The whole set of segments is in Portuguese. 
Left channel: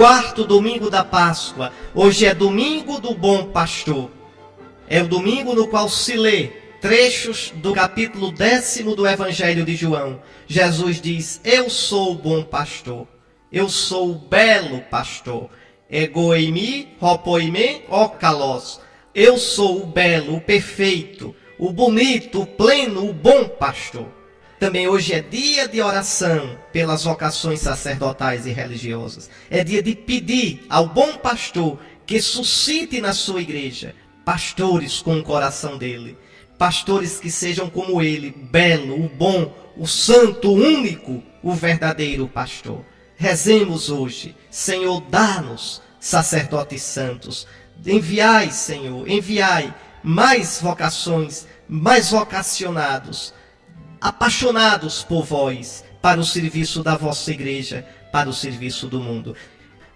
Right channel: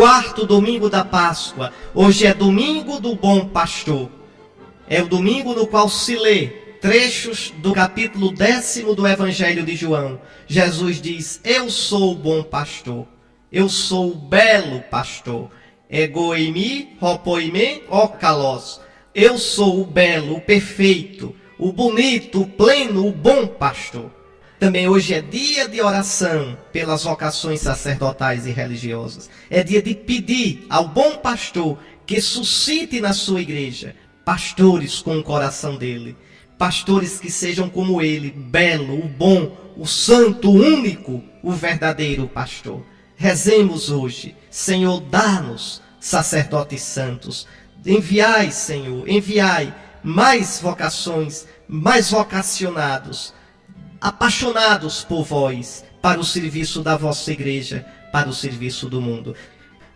quarto domingo da Páscoa. Hoje é domingo do bom pastor. É o domingo no qual se lê trechos do capítulo 10º do Evangelho de João. Jesus diz: eu sou o bom pastor, eu sou o belo pastor. Egoimi, ropoime, okalos. Eu sou o belo, o perfeito, o bonito, o pleno, o bom pastor. Também hoje é dia de oração pelas vocações sacerdotais e religiosas. É dia de pedir ao bom pastor que suscite na sua igreja pastores com o coração dele. Pastores que sejam como ele, o belo, o bom, o santo, o único, o verdadeiro pastor. Rezemos hoje: Senhor, dá-nos sacerdotes santos. Enviai, Senhor, enviai mais vocações, mais vocacionados, apaixonados por vós, para o serviço da vossa igreja, para o serviço do mundo.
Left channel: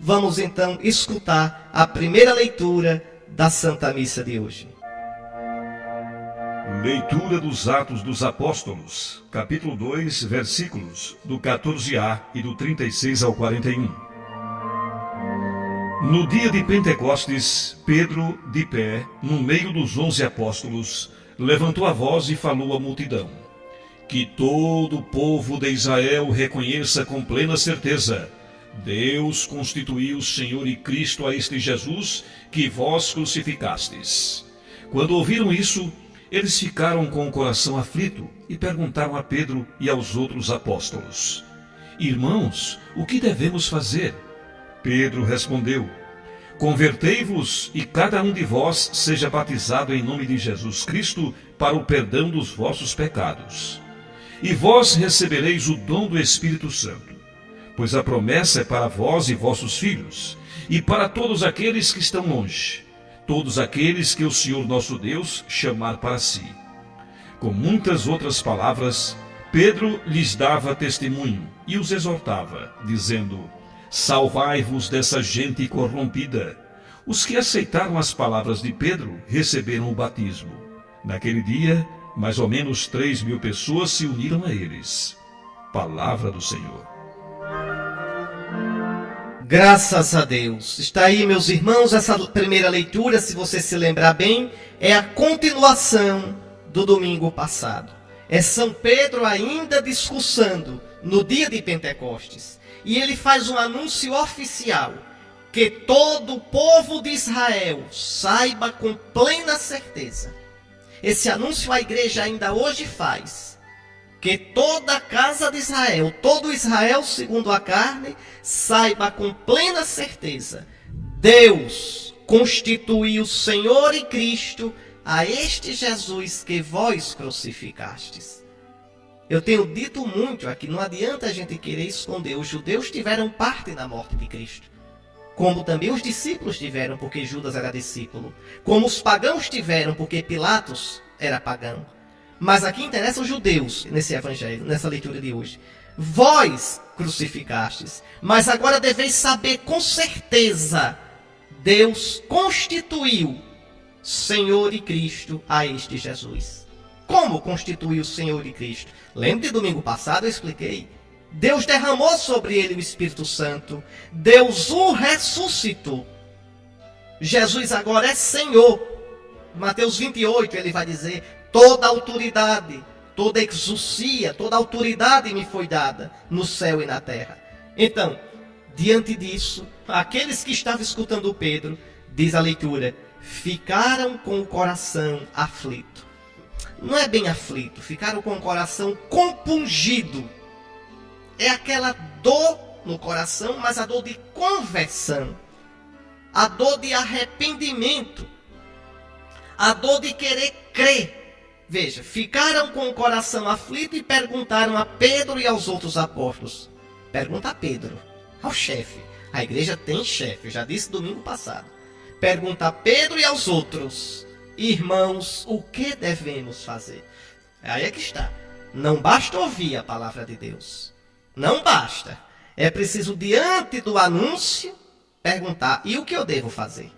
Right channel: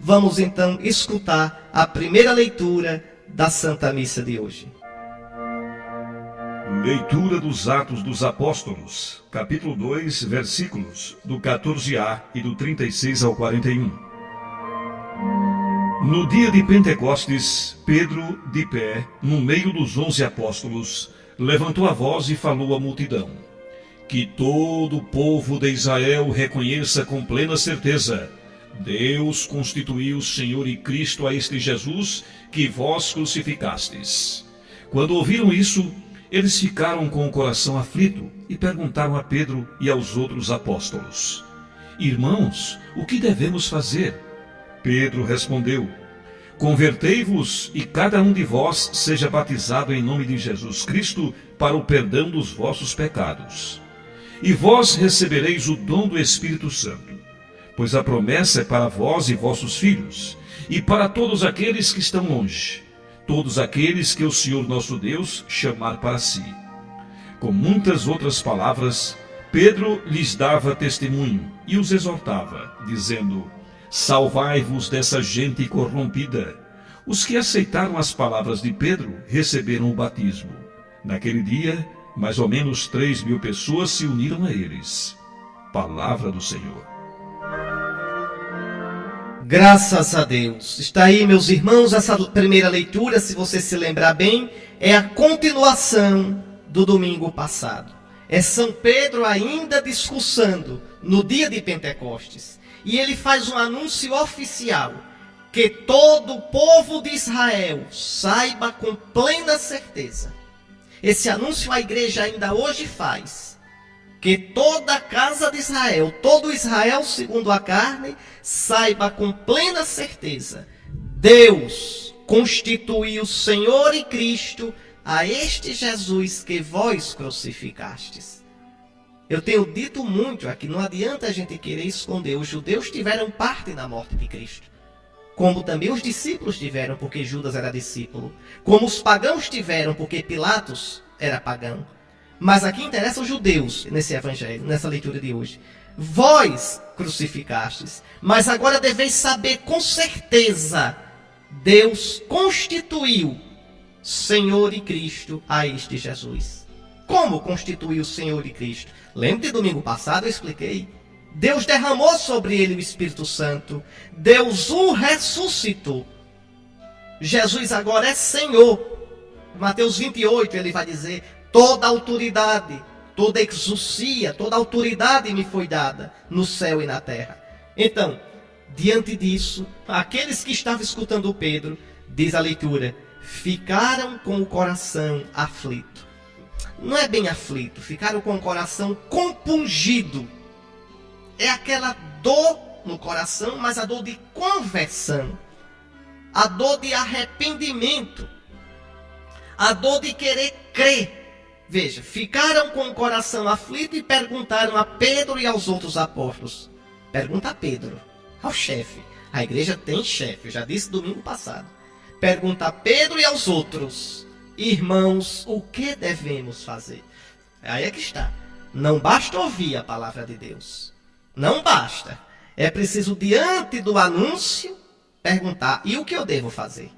Vamos então escutar a primeira leitura da Santa Missa de hoje. Leitura dos Atos dos Apóstolos, capítulo 2, versículos do 14a e do 36 ao 41. No dia de Pentecostes, Pedro, de pé, no meio dos 11 apóstolos, levantou a voz e falou à multidão: que todo o povo de Israel reconheça com plena certeza: Deus constituiu Senhor e Cristo a este Jesus que vós crucificastes. Quando ouviram isso, eles ficaram com o coração aflito e perguntaram a Pedro e aos outros apóstolos: irmãos, o que devemos fazer? Pedro respondeu: convertei-vos e cada um de vós seja batizado em nome de Jesus Cristo para o perdão dos vossos pecados. E vós recebereis o dom do Espírito Santo, pois a promessa é para vós e vossos filhos, e para todos aqueles que estão longe, todos aqueles que o Senhor nosso Deus chamar para si. Com muitas outras palavras, Pedro lhes dava testemunho e os exortava, dizendo: salvai-vos dessa gente corrompida. Os que aceitaram as palavras de Pedro receberam o batismo. Naquele dia, mais ou menos 3.000 pessoas se uniram a eles. Palavra do Senhor. Graças a Deus. Está aí, meus irmãos, essa primeira leitura, se você se lembrar bem, é a continuação do domingo passado. É São Pedro ainda discursando no dia de Pentecostes. E ele faz um anúncio oficial: que todo o povo de Israel saiba com plena certeza. Esse anúncio a igreja ainda hoje faz: que toda a casa de Israel, todo Israel segundo a carne, saiba com plena certeza: Deus constituiu Senhor e Cristo a este Jesus que vós crucificastes. Eu tenho dito muito aqui, não adianta a gente querer esconder. Os judeus tiveram parte na morte de Cristo, como também os discípulos tiveram, porque Judas era discípulo, como os pagãos tiveram, porque Pilatos era pagão. Mas aqui interessam os judeus nesse evangelho, nessa leitura de hoje. Vós crucificastes, mas agora deveis saber com certeza: Deus constituiu Senhor e Cristo a este Jesus. Como constituiu o Senhor e Cristo? Lembra de domingo passado eu expliquei. Deus derramou sobre ele o Espírito Santo. Deus o ressuscitou. Jesus agora é Senhor. Mateus 28 ele vai dizer: toda autoridade, toda exousia, toda autoridade me foi dada no céu e na terra. Então, diante disso, aqueles que estavam escutando Pedro, diz a leitura, ficaram com o coração aflito. Não é bem aflito, ficaram com o coração compungido. É aquela dor no coração, mas a dor de conversão, a dor de arrependimento, a dor de querer crer. Veja, ficaram com o coração aflito e perguntaram a Pedro e aos outros apóstolos. Pergunta a Pedro, ao chefe. A igreja tem chefe, eu já disse domingo passado. Pergunta a Pedro e aos outros: irmãos, o que devemos fazer? Aí é que está. Não basta ouvir a palavra de Deus. Não basta. É preciso, diante do anúncio, perguntar: e o que eu devo fazer?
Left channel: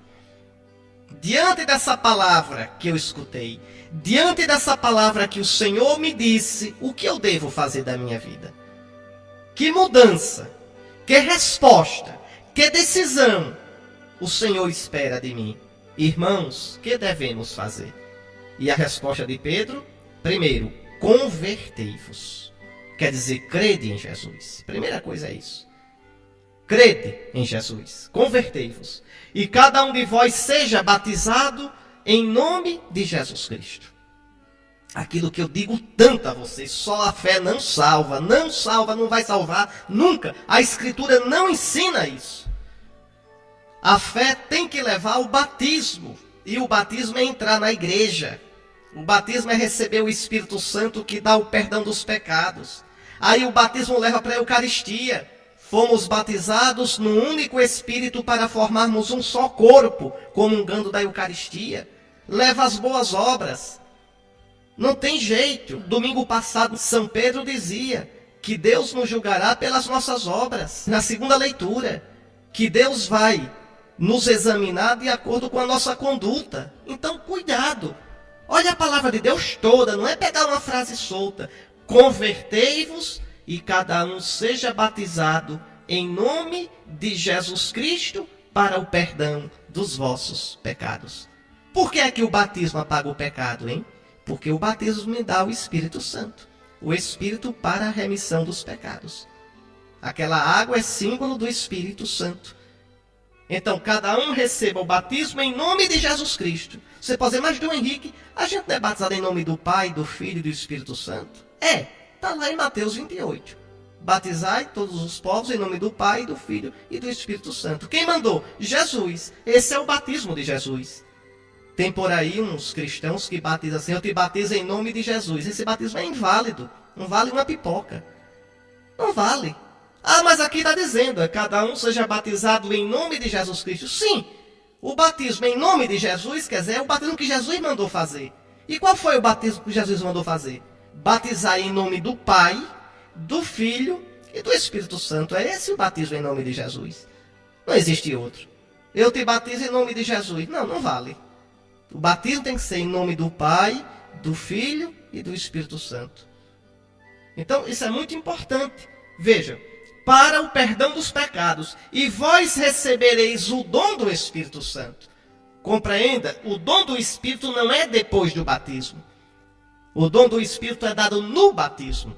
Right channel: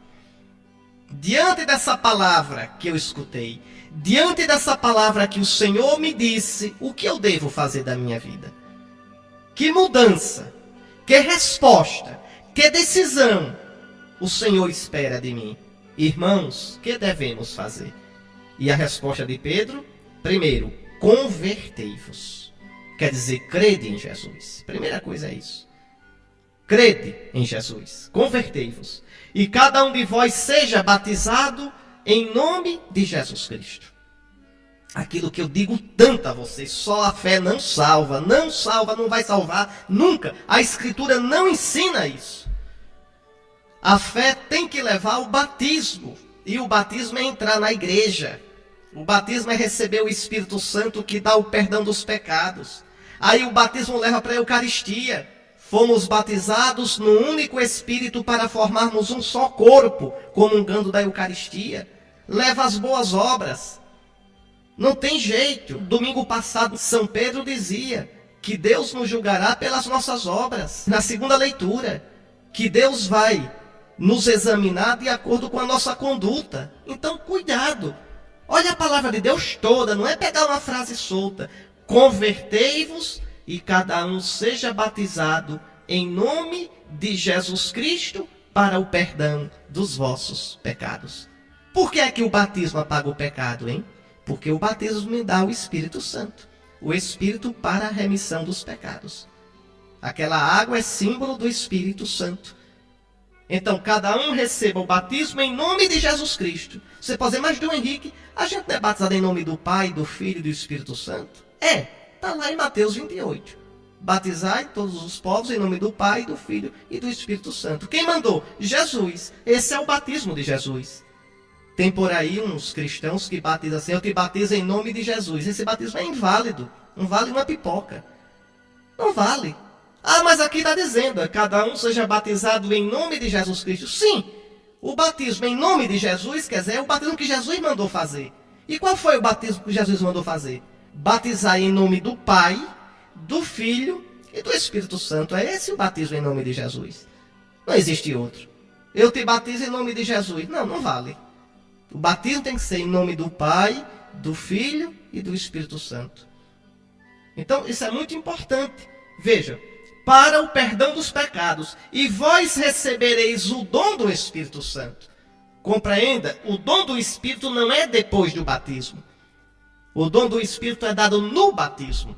Diante dessa palavra que eu escutei, diante dessa palavra que o Senhor me disse, o que eu devo fazer da minha vida? Que mudança, que resposta, Que decisão o Senhor espera de mim? Irmãos, que devemos fazer? E a resposta de Pedro, primeiro, convertei-vos. Quer dizer, crede em Jesus. Primeira coisa é isso. Crede em Jesus, convertei-vos. E cada um de vós seja batizado em nome de Jesus Cristo. Aquilo que eu digo tanto a vocês, só a fé não salva, não vai salvar nunca. A Escritura não ensina isso. A fé tem que levar ao batismo, e o batismo é entrar na igreja. O batismo é receber o Espírito Santo que dá o perdão dos pecados. Aí o batismo leva para a Eucaristia. Fomos batizados no único Espírito para formarmos um só corpo, comungando da Eucaristia. Leva as boas obras. Não tem jeito. Domingo passado, São Pedro dizia que Deus nos julgará pelas nossas obras. Na segunda leitura, que Deus vai nos examinar de acordo com a nossa conduta. Então, cuidado. Olha a palavra de Deus toda, não é pegar uma frase solta. Convertei-vos e cada um seja batizado em nome de Jesus Cristo para o perdão dos vossos pecados. Por que é que o batismo apaga o pecado, hein? Porque o batismo me dá o Espírito Santo. O Espírito para a remissão dos pecados. Aquela água é símbolo do Espírito Santo. Então, cada um receba o batismo em nome de Jesus Cristo. Você pode dizer, mas Dom Henrique, a gente não é batizado em nome do Pai, do Filho e do Espírito Santo? Está lá em Mateus 28. Batizai todos os povos em nome do Pai, do Filho e do Espírito Santo. Quem mandou? Jesus. Esse é o batismo de Jesus. Tem por aí uns cristãos que batizam assim, eu te batizo em nome de Jesus. Esse batismo é inválido. Não vale uma pipoca. Não vale. Ah, mas aqui está dizendo, cada um seja batizado em nome de Jesus Cristo. Sim, o batismo em nome de Jesus, quer dizer, é o batismo que Jesus mandou fazer. E qual foi o batismo que Jesus mandou fazer? Batizar em nome do Pai, do Filho e do Espírito Santo. É esse o batismo em nome de Jesus. Não existe outro. Eu te batizo em nome de Jesus. Não, não vale. O batismo tem que ser em nome do Pai, do Filho e do Espírito Santo. Então, isso é muito importante. Veja, para o perdão dos pecados, e vós recebereis o dom do Espírito Santo. Compreenda, o dom do Espírito não é depois do batismo. O dom do Espírito é dado no batismo.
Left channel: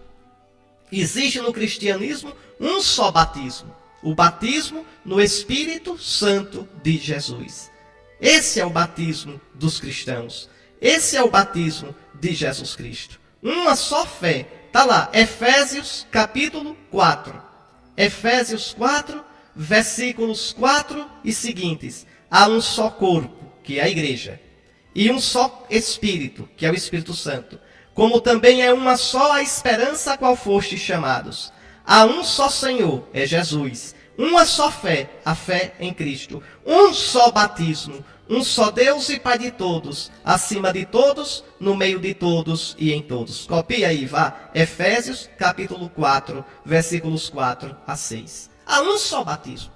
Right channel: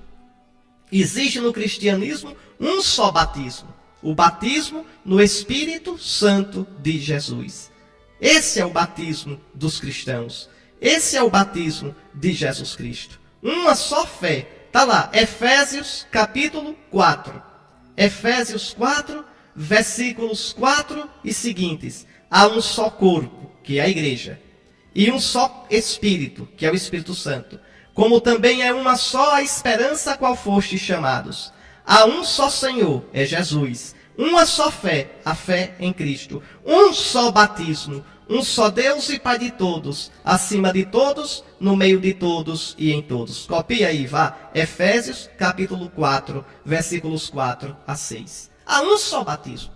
Existe no cristianismo um só batismo. O batismo no Espírito Santo de Jesus. Esse é o batismo dos cristãos. Esse é o batismo de Jesus Cristo. Uma só fé. Está lá, Efésios capítulo 4. Efésios 4, versículos 4 e seguintes. Há um só corpo, que é a igreja. E um só Espírito, que é o Espírito Santo. Como também é uma só a esperança a qual fostes chamados. Há um só Senhor, é Jesus. Uma só fé, a fé em Cristo. Um só batismo. Um só Deus e Pai de todos, acima de todos, no meio de todos e em todos. Copia aí, vá. Efésios, capítulo 4, versículos 4 a 6. Há um só batismo.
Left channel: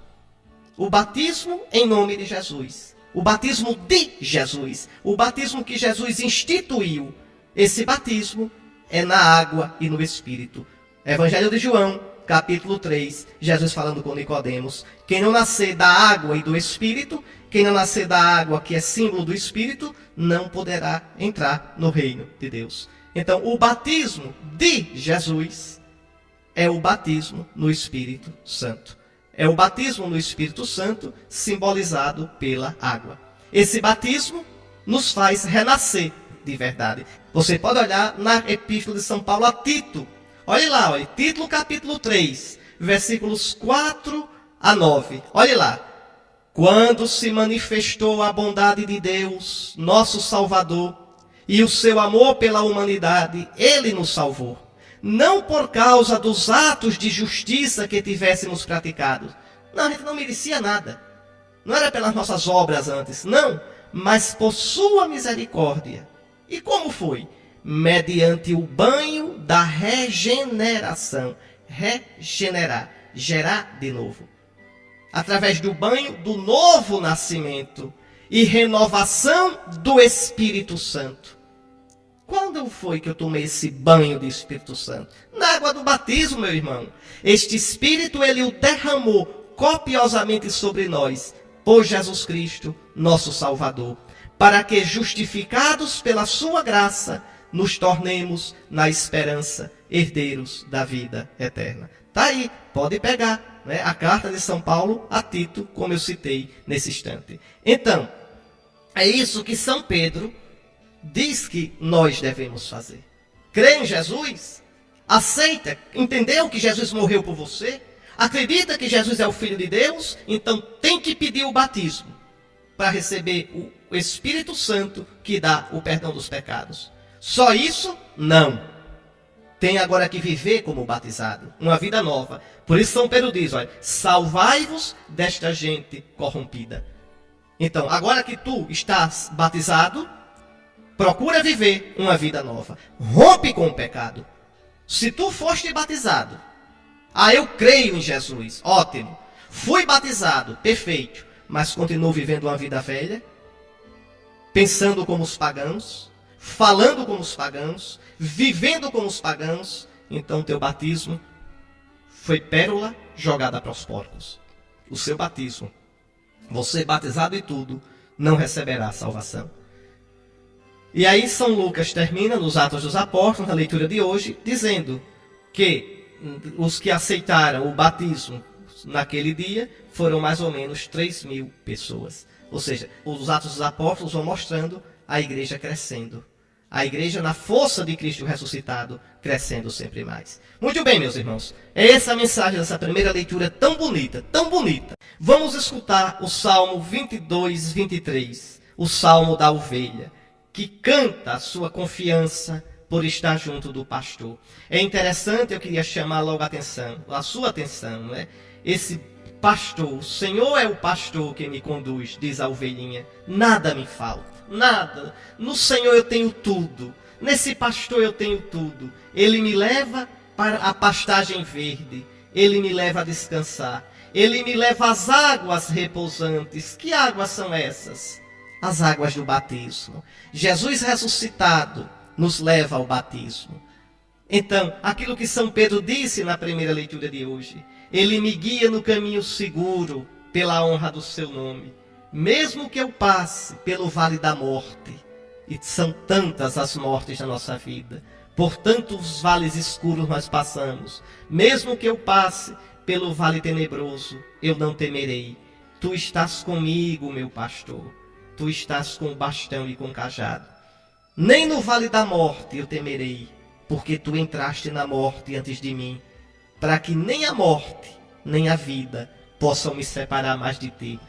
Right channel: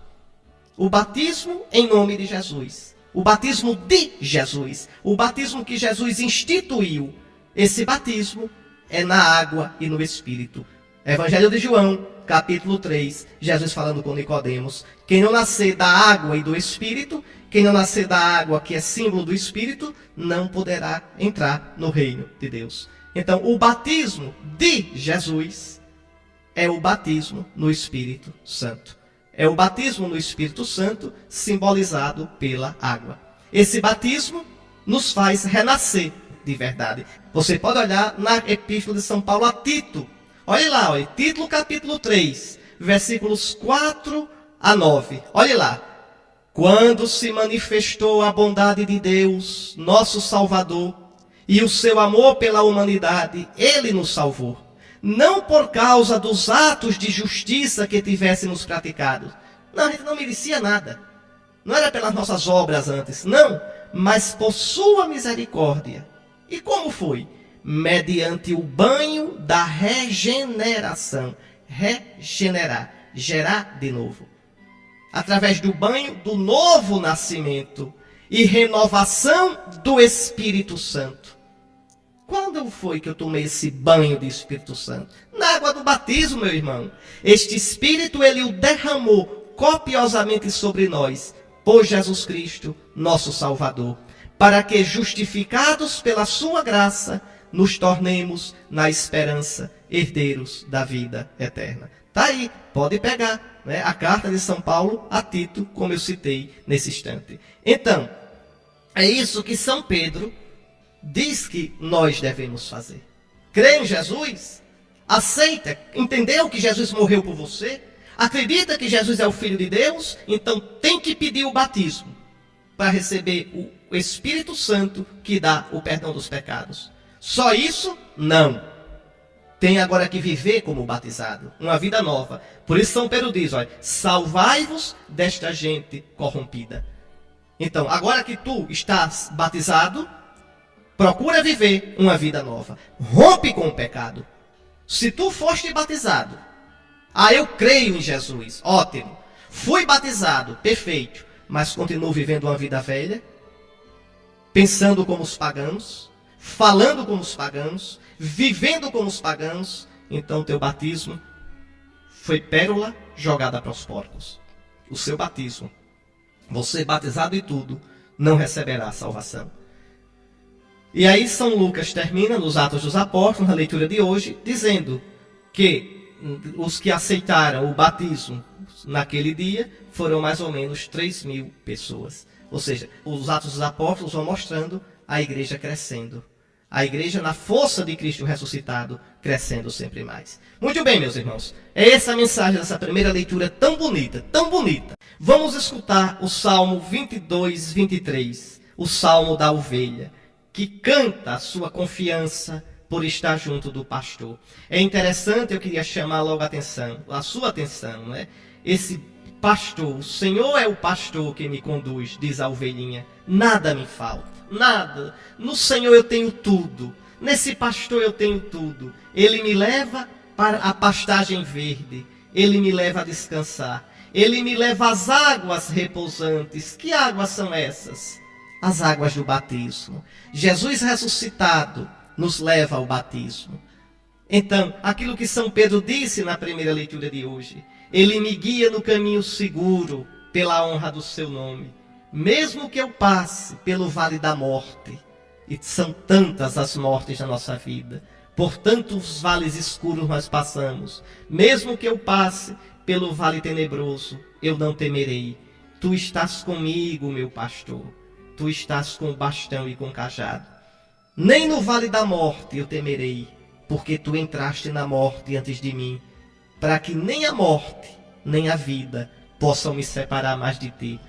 O batismo em nome de Jesus. O batismo de Jesus. O batismo que Jesus instituiu. Esse batismo é na água e no Espírito. Evangelho de João, capítulo 3, Jesus falando com Nicodemos. Quem não nascer da água e do Espírito, quem não nascer da água, que é símbolo do Espírito, não poderá entrar no reino de Deus. Então, o batismo de Jesus é o batismo no Espírito Santo. É o batismo no Espírito Santo simbolizado pela água. Esse batismo nos faz renascer de verdade. Você pode olhar na Epístola de São Paulo a Tito. Olhe lá, olhe, Tito capítulo 3, versículos 4 a 9. Olhe lá. Quando se manifestou a bondade de Deus, nosso Salvador, e o seu amor pela humanidade, Ele nos salvou. Não por causa dos atos de justiça que tivéssemos praticado. Não, a gente não merecia nada. Não era pelas nossas obras antes, não. Mas por sua misericórdia. E como foi? Mediante o banho da regeneração. Regenerar, gerar de novo. Através do banho do novo nascimento e renovação do Espírito Santo. Quando foi que eu tomei esse banho de Espírito Santo? Na água do batismo, meu irmão. Este Espírito, ele o derramou copiosamente sobre nós, por Jesus Cristo, nosso Salvador, para que, justificados pela sua graça, nos tornemos, na esperança, herdeiros da vida eterna. Está aí, pode pegar, né? A carta de São Paulo a Tito, como eu citei nesse instante. Então, é isso que São Pedro diz que nós devemos fazer. Crê em Jesus, aceita, entendeu que Jesus morreu por você, acredita que Jesus é o Filho de Deus, então tem que pedir o batismo para receber o Espírito Santo que dá o perdão dos pecados. Só isso? Não. Tem agora que viver como batizado, uma vida nova. Por isso São Pedro diz, olha, salvai-vos desta gente corrompida. Então, agora que tu estás batizado, procura viver uma vida nova. Rompe com o pecado. Se tu foste batizado, eu creio em Jesus, ótimo. Fui batizado, perfeito. Mas continuo vivendo uma vida velha, pensando como os pagãos, falando como os pagãos, vivendo como os pagãos, então teu batismo foi pérola jogada para os porcos. O seu batismo, você batizado e tudo, não receberá salvação. E aí São Lucas termina nos Atos dos Apóstolos, na leitura de hoje, dizendo que os que aceitaram o batismo naquele dia foram mais ou menos 3.000 pessoas. Ou seja, os Atos dos Apóstolos vão mostrando a igreja crescendo. A igreja, na força de Cristo ressuscitado, crescendo sempre mais. Muito bem, meus irmãos. É essa a mensagem dessa primeira leitura tão bonita, tão bonita. Vamos escutar o Salmo 22, 23. O Salmo da ovelha, que canta a sua confiança por estar junto do pastor. É interessante, eu queria chamar logo a sua atenção, não é? Esse pastor, o Senhor é o pastor que me conduz, diz a ovelhinha. Nada me falta, nada. No Senhor eu tenho tudo. Nesse pastor eu tenho tudo. Ele me leva para a pastagem verde. Ele me leva a descansar. Ele me leva às águas repousantes. Que águas são essas? As águas do batismo. Jesus ressuscitado nos leva ao batismo. Então, aquilo que São Pedro disse na primeira leitura de hoje, ele me guia no caminho seguro, pela honra do seu nome. Mesmo que eu passe pelo vale da morte, e são tantas as mortes na nossa vida, por tantos vales escuros nós passamos, mesmo que eu passe pelo vale tenebroso, eu não temerei. Tu estás comigo, meu pastor, tu estás com o bastão e com o cajado. Nem no vale da morte eu temerei, porque tu entraste na morte antes de mim, para que nem a morte, nem a vida possam me separar mais de ti.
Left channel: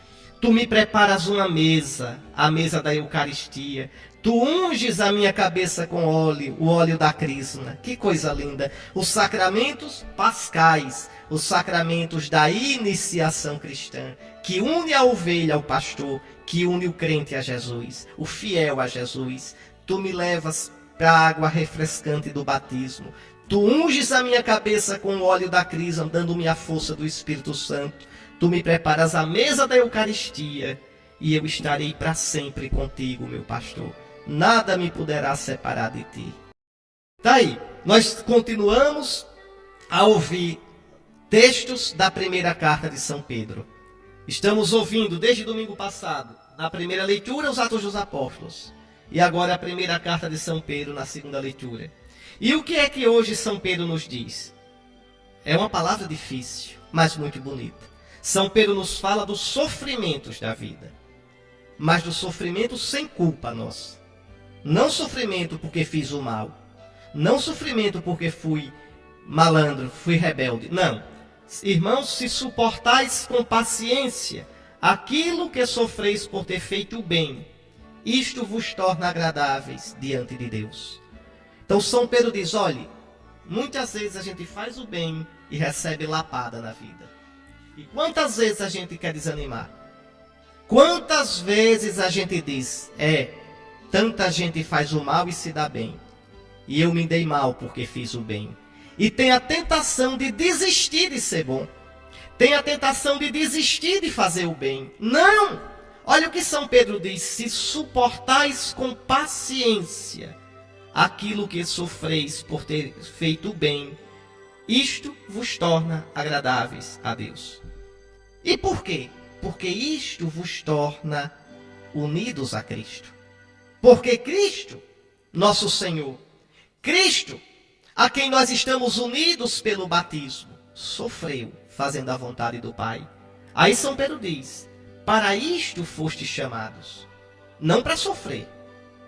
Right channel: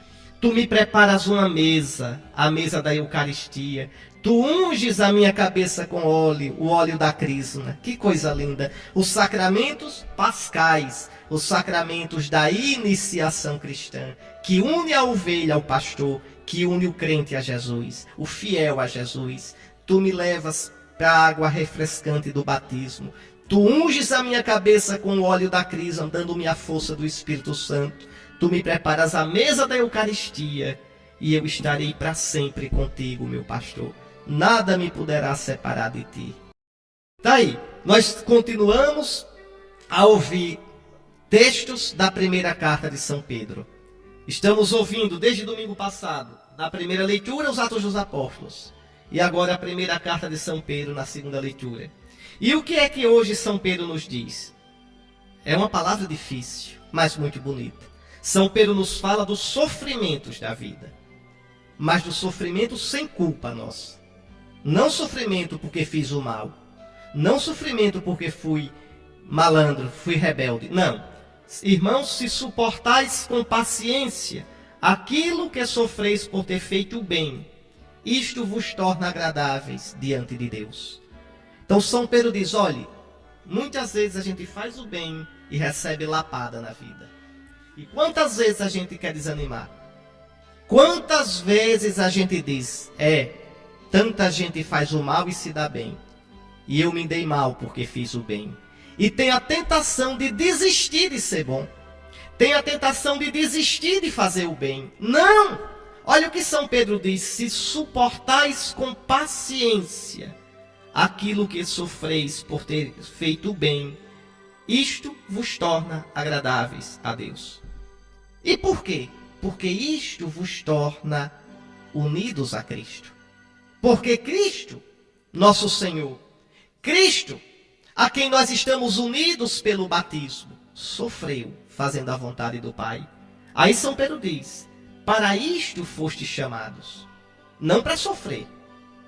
Tu me preparas uma mesa, a mesa da Eucaristia. Tu unges a minha cabeça com óleo, o óleo da crisma. Que coisa linda. Os sacramentos pascais, os sacramentos da iniciação cristã, que une a ovelha ao pastor, que une o crente a Jesus, o fiel a Jesus. Tu me levas para a água refrescante do batismo. Tu unges a minha cabeça com o óleo da crisma, dando-me a força do Espírito Santo. Tu me preparas a mesa da Eucaristia, e eu estarei para sempre contigo, meu pastor. Nada me poderá separar de ti. Tá aí, nós continuamos a ouvir textos da primeira carta de São Pedro. Estamos ouvindo desde domingo passado, na primeira leitura, os Atos dos Apóstolos. E agora a primeira carta de São Pedro na segunda leitura. E o que é que hoje São Pedro nos diz? É uma palavra difícil, mas muito bonita. São Pedro nos fala dos sofrimentos da vida, mas do sofrimento sem culpa nossa. Não sofrimento porque fiz o mal, não sofrimento porque fui malandro, fui rebelde. Não. Irmãos, se suportais com paciência aquilo que sofreis por ter feito o bem, isto vos torna agradáveis diante de Deus. Então São Pedro diz, olhe, muitas vezes a gente faz o bem e recebe lapada na vida. E quantas vezes a gente quer desanimar? Quantas vezes a gente diz, tanta gente faz o mal e se dá bem, e eu me dei mal porque fiz o bem. E tem a tentação de desistir de ser bom. Tem a tentação de desistir de fazer o bem. Não! Olha o que São Pedro diz, se suportais com paciência aquilo que sofreis por ter feito o bem, isto vos torna agradáveis a Deus. E por quê? Porque isto vos torna unidos a Cristo. Porque Cristo, nosso Senhor, Cristo, a quem nós estamos unidos pelo batismo, sofreu fazendo a vontade do Pai. Aí São Pedro diz, para isto fostes chamados. Não para sofrer,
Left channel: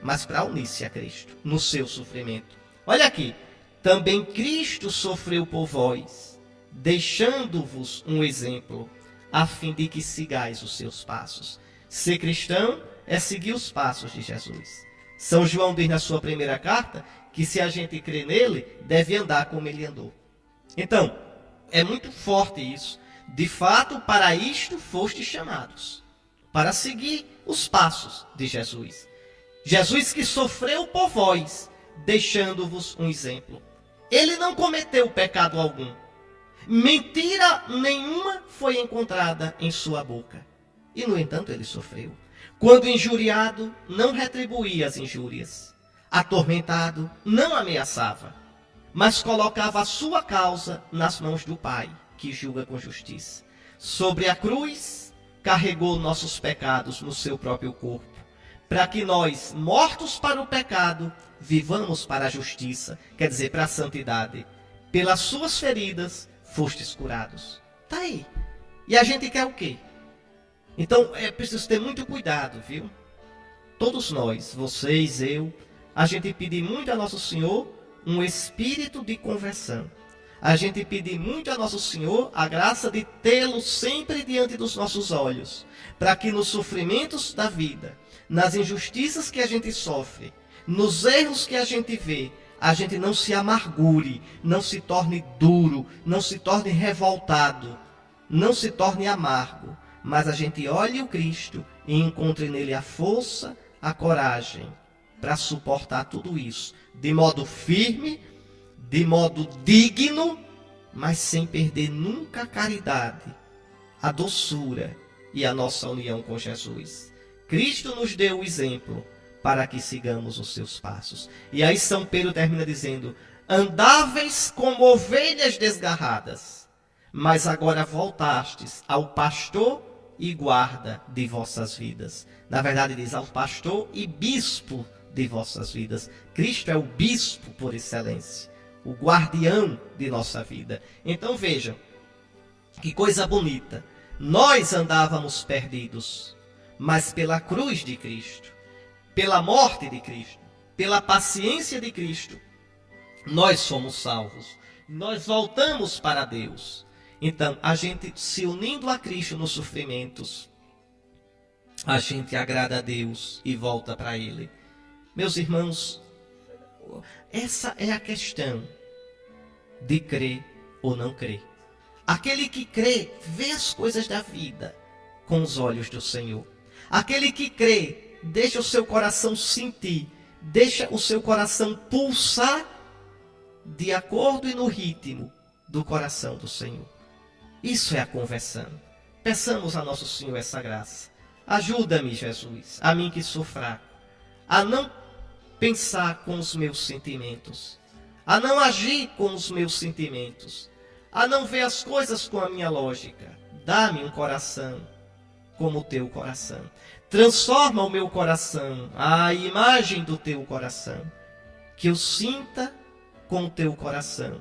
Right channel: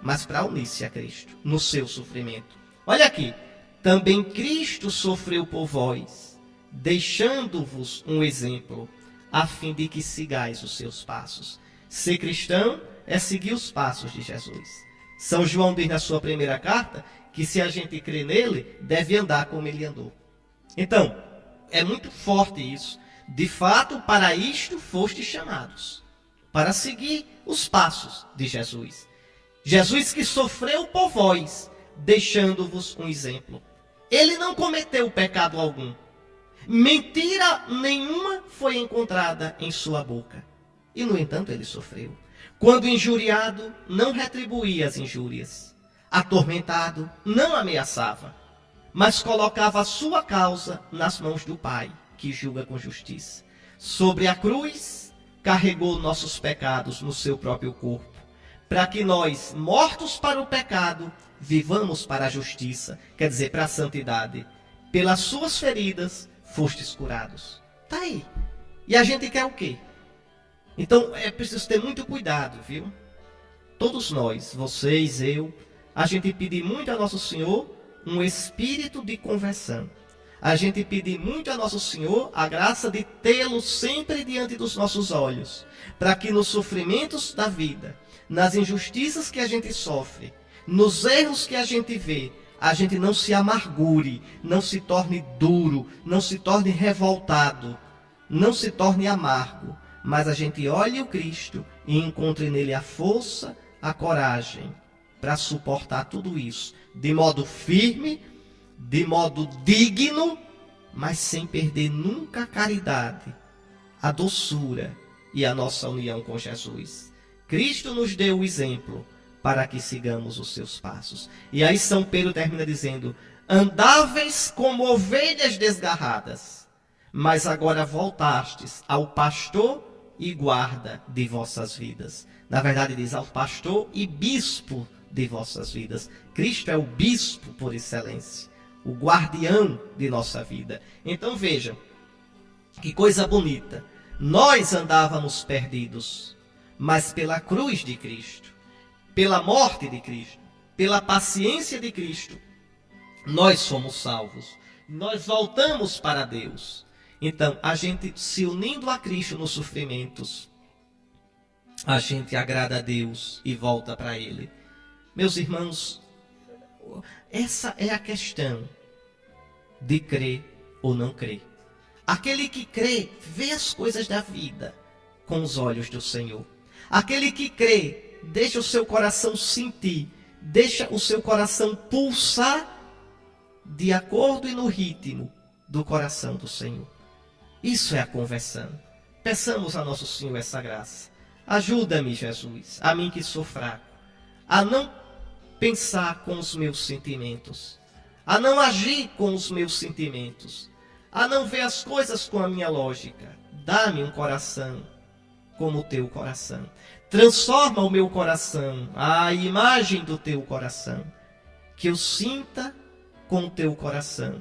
mas para unir-se a Cristo no seu sofrimento. Olha aqui, também Cristo sofreu por vós, deixando-vos um exemplo, a fim de que sigais os seus passos. Ser cristão é seguir os passos de Jesus. São João diz na sua primeira carta que se a gente crê nele, deve andar como ele andou. Então, é muito forte isso. De fato, para isto fostes chamados, para seguir os passos de Jesus. Jesus que sofreu por vós, deixando-vos um exemplo. Ele não cometeu pecado algum. Mentira nenhuma foi encontrada em sua boca. E, no entanto, ele sofreu. Quando injuriado, não retribuía as injúrias. Atormentado, não ameaçava, mas colocava a sua causa nas mãos do Pai, que julga com justiça. Sobre a cruz, carregou nossos pecados no seu próprio corpo, para que nós, mortos para o pecado, vivamos para a justiça, quer dizer, para a santidade. Pelas suas feridas, fostes curados. Está aí. E a gente quer o quê? Então, é preciso ter muito cuidado, viu? Todos nós, vocês, eu, a gente pedir muito a Nosso Senhor um espírito de conversão. A gente pedir muito a Nosso Senhor a graça de tê-lo sempre diante dos nossos olhos, para que nos sofrimentos da vida, nas injustiças que a gente sofre, nos erros que a gente vê, a gente não se amargure, não se torne duro, não se torne revoltado, não se torne amargo, mas a gente olhe o Cristo e encontre nele a força, a coragem para suportar tudo isso, de modo firme, de modo digno, mas sem perder nunca a caridade, a doçura e a nossa união com Jesus. Cristo nos deu o exemplo para que sigamos os seus passos. E aí São Pedro termina dizendo, andáveis como ovelhas desgarradas, mas agora voltastes ao pastor e guarda de vossas vidas. Na verdade diz ao pastor e bispo de vossas vidas. Cristo é o bispo por excelência, o guardião de nossa vida. Então vejam, que coisa bonita. Nós andávamos perdidos, mas pela cruz de Cristo, pela morte de Cristo, pela paciência de Cristo, nós somos salvos. Nós voltamos para Deus. Então, a gente se unindo a Cristo nos sofrimentos, a gente agrada a Deus e volta para Ele. Meus irmãos, essa é a questão de crer ou não crer. Aquele que crê, vê as coisas da vida com os olhos do Senhor. Aquele que crê, deixa o seu coração sentir, deixa o seu coração pulsar de acordo e no ritmo do coração do Senhor. Isso é a conversão. Peçamos a Nosso Senhor essa graça. Ajuda-me, Jesus, a mim que sou fraco, a não pensar com os meus sentimentos, a não agir com os meus sentimentos, a não ver as coisas com a minha lógica. Dá-me um coração como o teu coração. Transforma o meu coração à imagem do teu coração. Que eu sinta com o teu coração.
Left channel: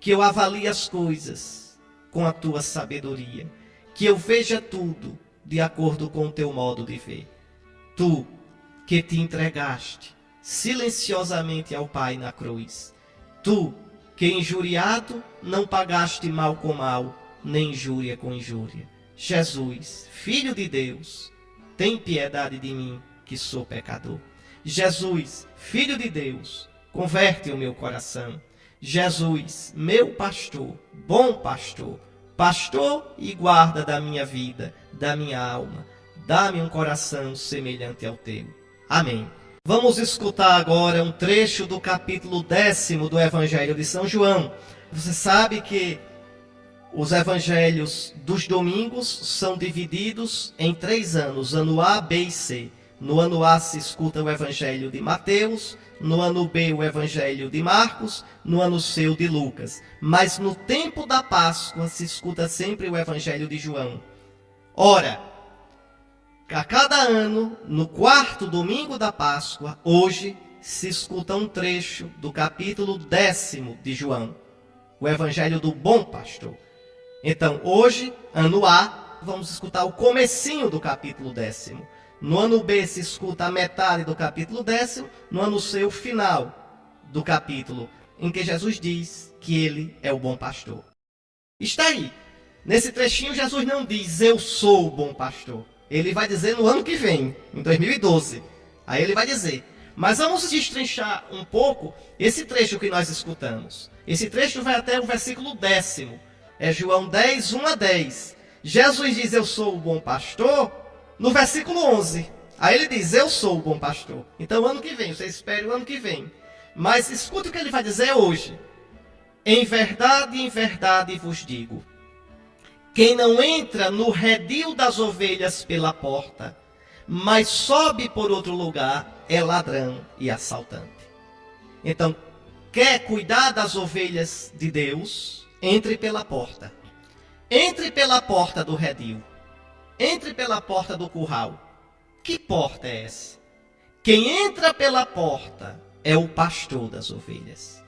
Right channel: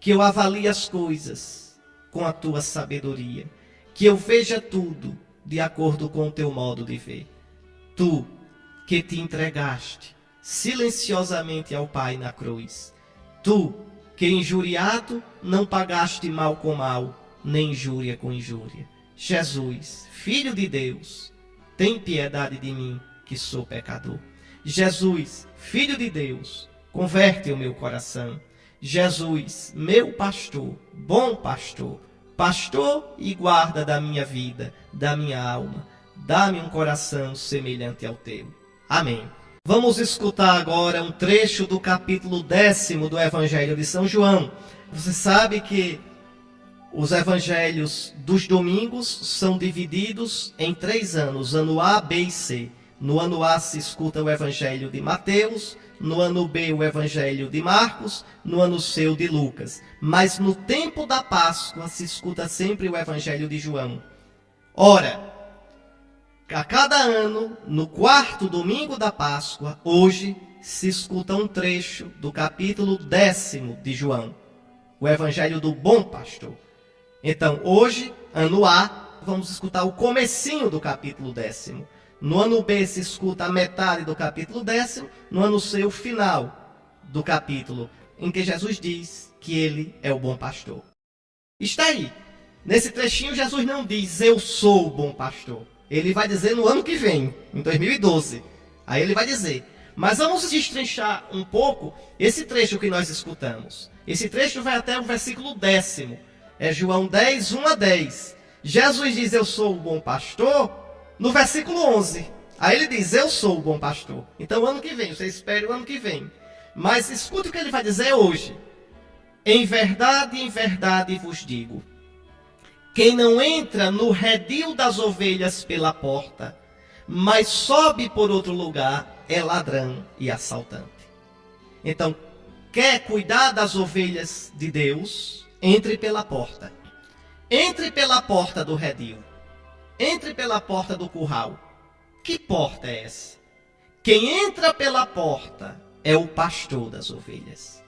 Que eu avalie as coisas com a tua sabedoria. Que eu veja tudo de acordo com o teu modo de ver. Tu que te entregaste silenciosamente ao Pai na cruz. Tu que injuriado não pagaste mal com mal, nem injúria com injúria. Jesus, Filho de Deus, tem piedade de mim, que sou pecador. Jesus, Filho de Deus, converte o meu coração. Jesus, meu pastor, bom pastor, pastor e guarda da minha vida, da minha alma, dá-me um coração semelhante ao teu. Amém. Vamos escutar agora um trecho do capítulo 10 do Evangelho de São João. Você sabe que os evangelhos dos domingos são divididos em 3 anos, ano A, B e C. No ano A se escuta o Evangelho de Mateus, no ano B o Evangelho de Marcos, no ano C o de Lucas. Mas no tempo da Páscoa se escuta sempre o Evangelho de João. Ora, a cada ano, no quarto domingo da Páscoa, hoje se escuta um trecho do capítulo 10º de João, o Evangelho do Bom Pastor. Então, hoje, ano A, vamos escutar o comecinho do capítulo 10º. No ano B se escuta a metade do capítulo 10º, no ano C o final do capítulo, em que Jesus diz que ele é o bom pastor. Está aí. Nesse trechinho Jesus não diz, eu sou o bom pastor. Ele vai dizer no ano que vem, em 2012. Aí ele vai dizer. Mas vamos destrinchar um pouco esse trecho que nós escutamos. Esse trecho vai até o versículo 10º. É João 10, 1 a 10. Jesus diz, eu sou o bom pastor, no versículo 11. Aí ele diz, eu sou o bom pastor. Então, o ano que vem, você espere o ano que vem. Mas escute o que ele vai dizer hoje. Em verdade vos digo, quem não entra no redil das ovelhas pela porta, mas sobe por outro lugar, é ladrão e assaltante. Então, quer cuidar das ovelhas de Deus? Entre pela porta. Entre pela porta do redil. Entre pela porta do curral. Que porta é essa? Quem entra pela porta é o pastor das ovelhas.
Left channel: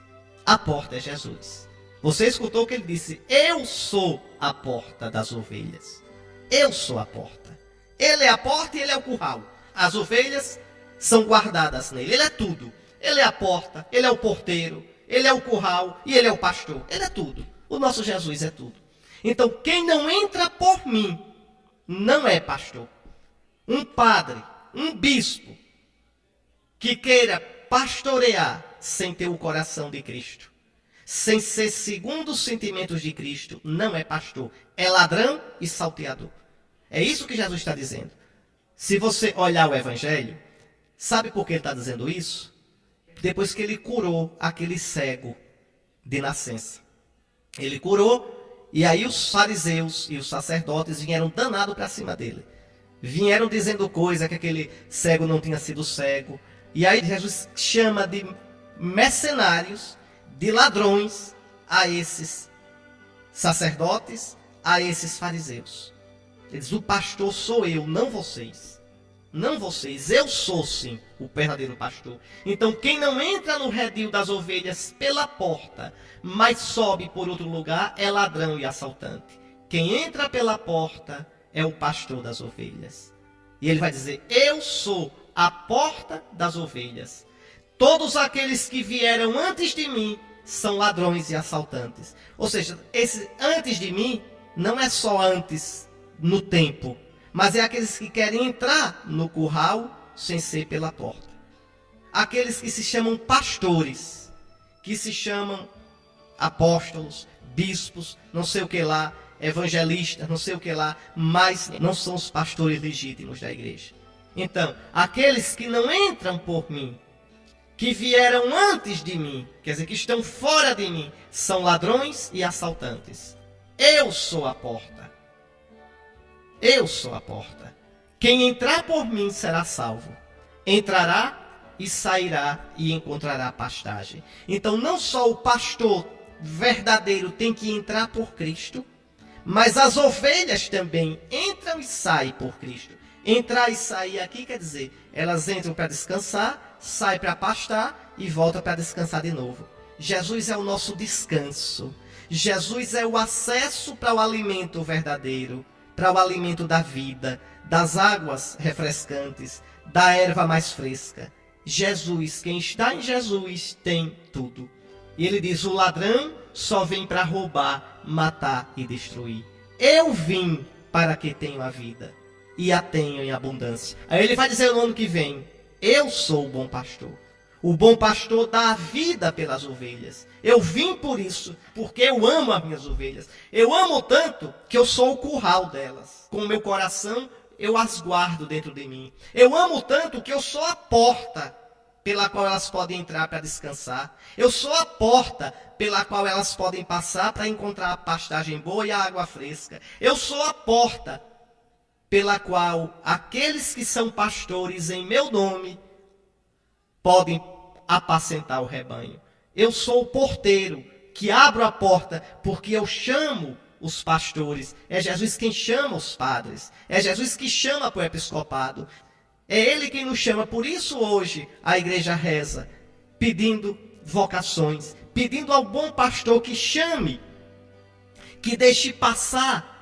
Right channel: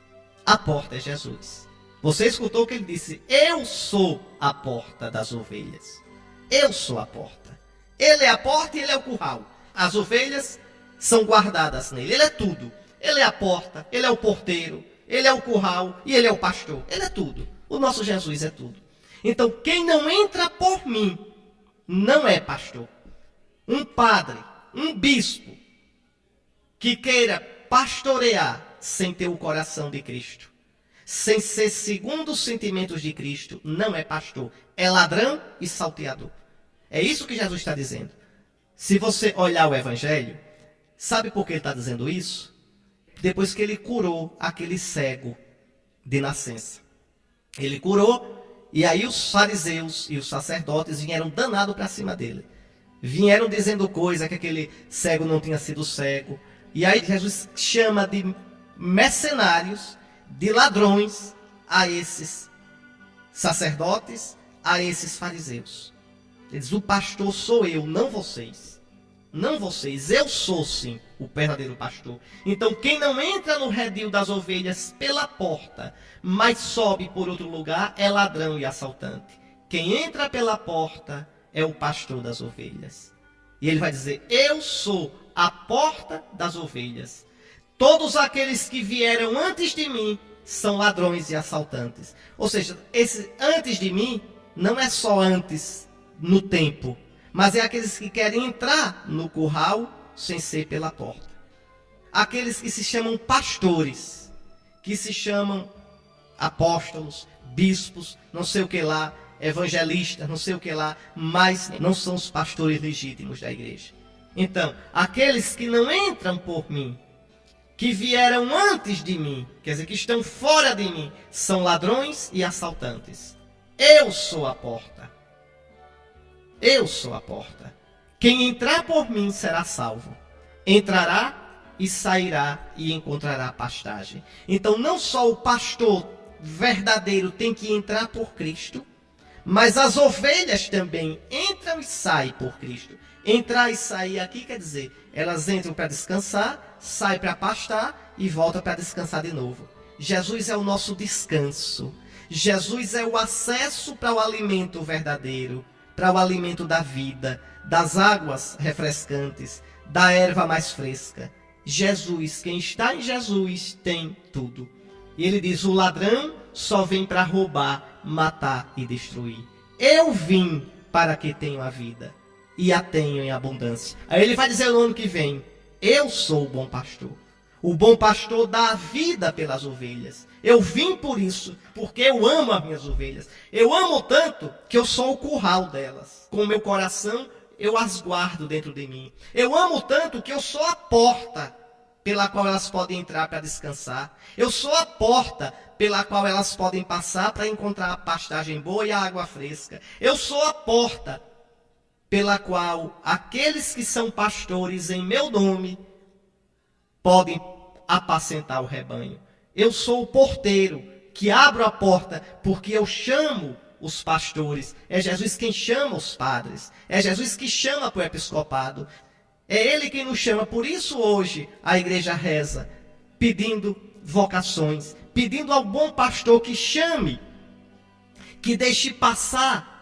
A porta é Jesus. Você escutou que ele disse, eu sou a porta das ovelhas. Eu sou a porta. Ele é a porta e ele é o curral. As ovelhas são guardadas nele. Ele é tudo. Ele é a porta, ele é o porteiro, ele é o curral e ele é o pastor. Ele é tudo. O nosso Jesus é tudo. Então, quem não entra por mim, não é pastor. Um padre, um bispo, que queira pastorear sem ter o coração de Cristo, sem ser segundo os sentimentos de Cristo, não é pastor. É ladrão e salteador. É isso que Jesus está dizendo. Se você olhar o Evangelho, sabe por que ele está dizendo isso? Depois que ele curou aquele cego de nascença. Ele curou, e aí os fariseus e os sacerdotes vieram danados para cima dele. Vieram dizendo coisa que aquele cego não tinha sido cego. E aí Jesus chama de mercenários, de ladrões, a esses sacerdotes, a esses fariseus. Ele diz, o pastor sou eu, não vocês. Não vocês, eu sou sim o verdadeiro pastor. Então quem não entra no redil das ovelhas pela porta, mas sobe por outro lugar, é ladrão e assaltante. Quem entra pela porta é o pastor das ovelhas. E ele vai dizer, eu sou a porta das ovelhas. Todos aqueles que vieram antes de mim são ladrões e assaltantes. Ou seja, esse antes de mim não é só antes no tempo, mas é aqueles que querem entrar no curral sem ser pela porta. Aqueles que se chamam pastores, que se chamam apóstolos, bispos, não sei o que lá, evangelistas, não sei o que lá, mas não são os pastores legítimos da igreja. Então, aqueles que não entram por mim, que vieram antes de mim, quer dizer, que estão fora de mim, são ladrões e assaltantes. Eu sou a porta. Eu sou a porta. Quem entrar por mim será salvo. Entrará e sairá e encontrará pastagem. Então, não só o pastor verdadeiro tem que entrar por Cristo, mas as ovelhas também entram e saem por Cristo. Entrar e sair aqui quer dizer, elas entram para descansar, saem para pastar e voltam para descansar de novo. Jesus é o nosso descanso. Jesus é o acesso para o alimento verdadeiro, para o alimento da vida, das águas refrescantes, da erva mais fresca. Jesus, quem está em Jesus tem tudo. E ele diz, o ladrão só vem para roubar, matar e destruir. Eu vim para que tenham a vida e a tenham em abundância. Aí ele vai dizer no ano que vem, eu sou o bom pastor. O bom pastor dá a vida pelas ovelhas. Eu vim por isso, porque eu amo as minhas ovelhas. Eu amo tanto que eu sou o curral delas. Com o meu coração, eu as guardo dentro de mim. Eu amo tanto que eu sou a porta pela qual elas podem entrar para descansar. Eu sou a porta pela qual elas podem passar para encontrar a pastagem boa e a água fresca. Eu sou a porta pela qual aqueles que são pastores em meu nome podem apacentar o rebanho. Eu sou o porteiro que abro a porta porque eu chamo os pastores. É Jesus quem chama os padres. É Jesus que chama para o episcopado. É Ele quem nos chama. Por isso hoje a igreja reza, pedindo vocações, pedindo ao bom pastor que chame, que deixe passar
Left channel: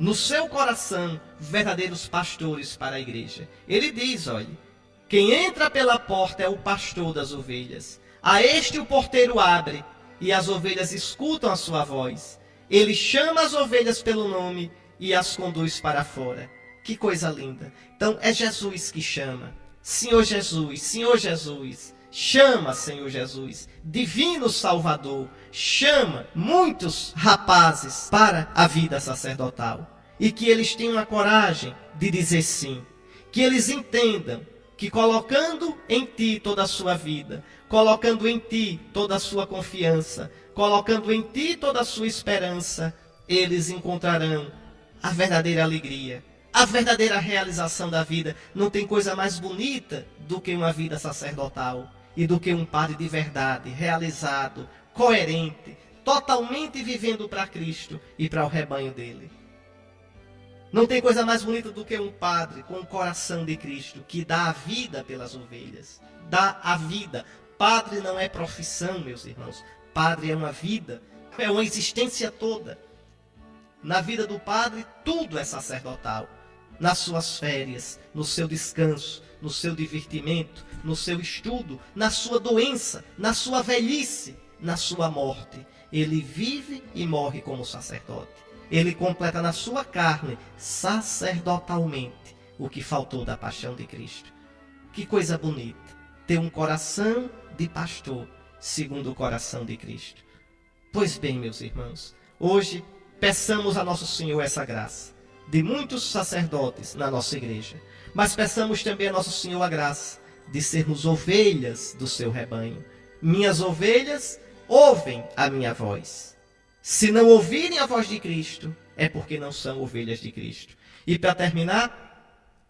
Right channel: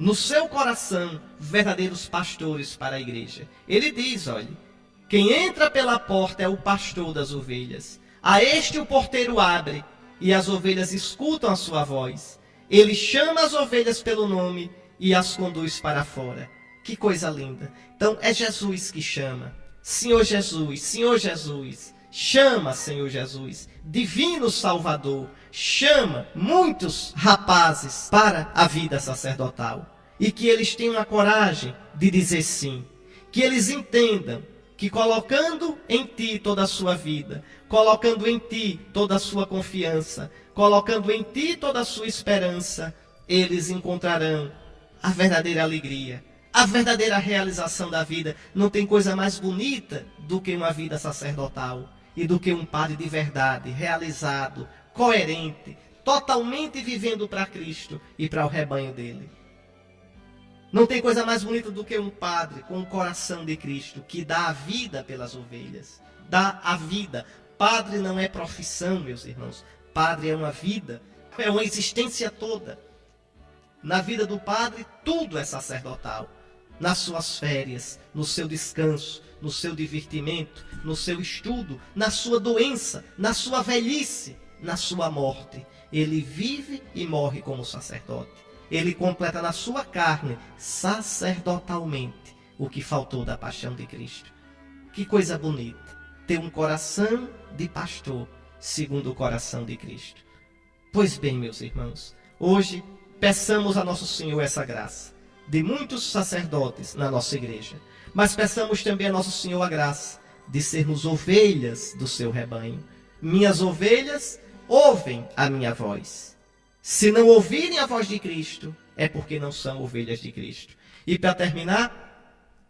no seu coração verdadeiros pastores para a igreja. Ele diz, olha, quem entra pela porta é o pastor das ovelhas. A este o porteiro abre e as ovelhas escutam a sua voz. Ele chama as ovelhas pelo nome e as conduz para fora. Que coisa linda. Então é Jesus que chama. Senhor Jesus, chama, Senhor Jesus, Divino Salvador, chama muitos rapazes para a vida sacerdotal. E que eles tenham a coragem de dizer sim. Que eles entendam que colocando em Ti toda a sua vida, colocando em Ti toda a sua confiança, colocando em Ti toda a sua esperança, eles encontrarão a verdadeira alegria, a verdadeira realização da vida. Não tem coisa mais bonita do que uma vida sacerdotal e do que um padre de verdade, realizado, coerente, totalmente vivendo para Cristo e para o rebanho dele. Não tem coisa mais bonita do que um padre com o coração de Cristo, que dá a vida pelas ovelhas, dá a vida. Padre não é profissão, meus irmãos. Padre é uma vida, é uma existência toda. Na vida do padre, tudo é sacerdotal. Nas suas férias, no seu descanso, no seu divertimento, no seu estudo, na sua doença, na sua velhice, na sua morte. Ele vive e morre como sacerdote. Ele completa na sua carne, sacerdotalmente, o que faltou da paixão de Cristo. Que coisa bonita, ter um coração de pastor, segundo o coração de Cristo. Pois bem, meus irmãos, hoje peçamos a Nosso Senhor essa graça, de muitos sacerdotes na nossa igreja, mas peçamos também a Nosso Senhor a graça de sermos ovelhas do seu rebanho. Minhas ovelhas ouvem a minha voz. Se não ouvirem a voz de Cristo, é porque não são ovelhas de Cristo. E para terminar,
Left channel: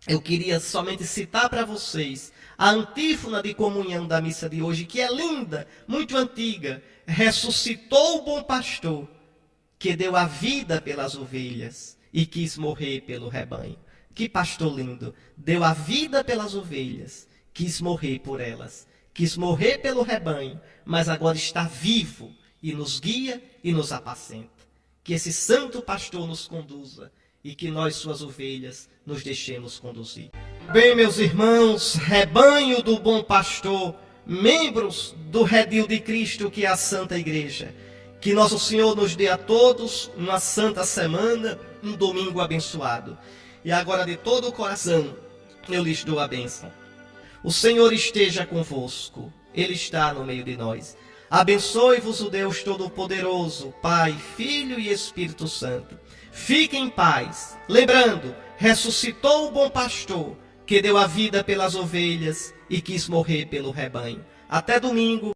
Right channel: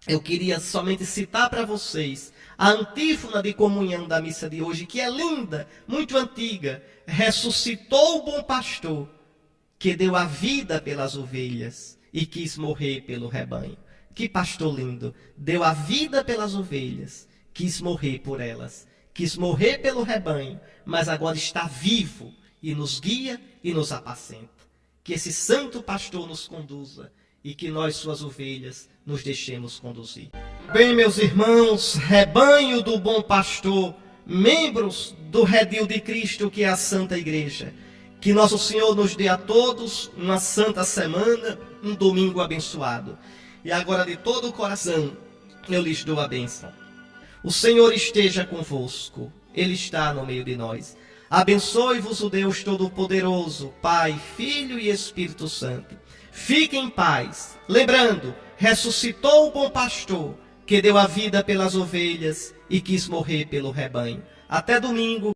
eu queria somente citar para vocês a antífona de comunhão da missa de hoje, que é linda, muito antiga. Ressuscitou o bom pastor, que deu a vida pelas ovelhas e quis morrer pelo rebanho. Que pastor lindo, deu a vida pelas ovelhas, quis morrer por elas, quis morrer pelo rebanho, mas agora está vivo e nos guia e nos apacenta. Que esse santo pastor nos conduza e que nós, suas ovelhas, nos deixemos conduzir. Bem, meus irmãos, rebanho do bom pastor, membros do redil de Cristo, que é a Santa Igreja, que Nosso Senhor nos dê a todos uma santa semana, um domingo abençoado. E agora, de todo o coração, eu lhes dou a bênção. O Senhor esteja convosco, Ele está no meio de nós. Abençoe-vos o Deus Todo-Poderoso, Pai, Filho e Espírito Santo. Fiquem em paz. Lembrando, ressuscitou o bom pastor, que deu a vida pelas ovelhas e quis morrer pelo rebanho. Até domingo,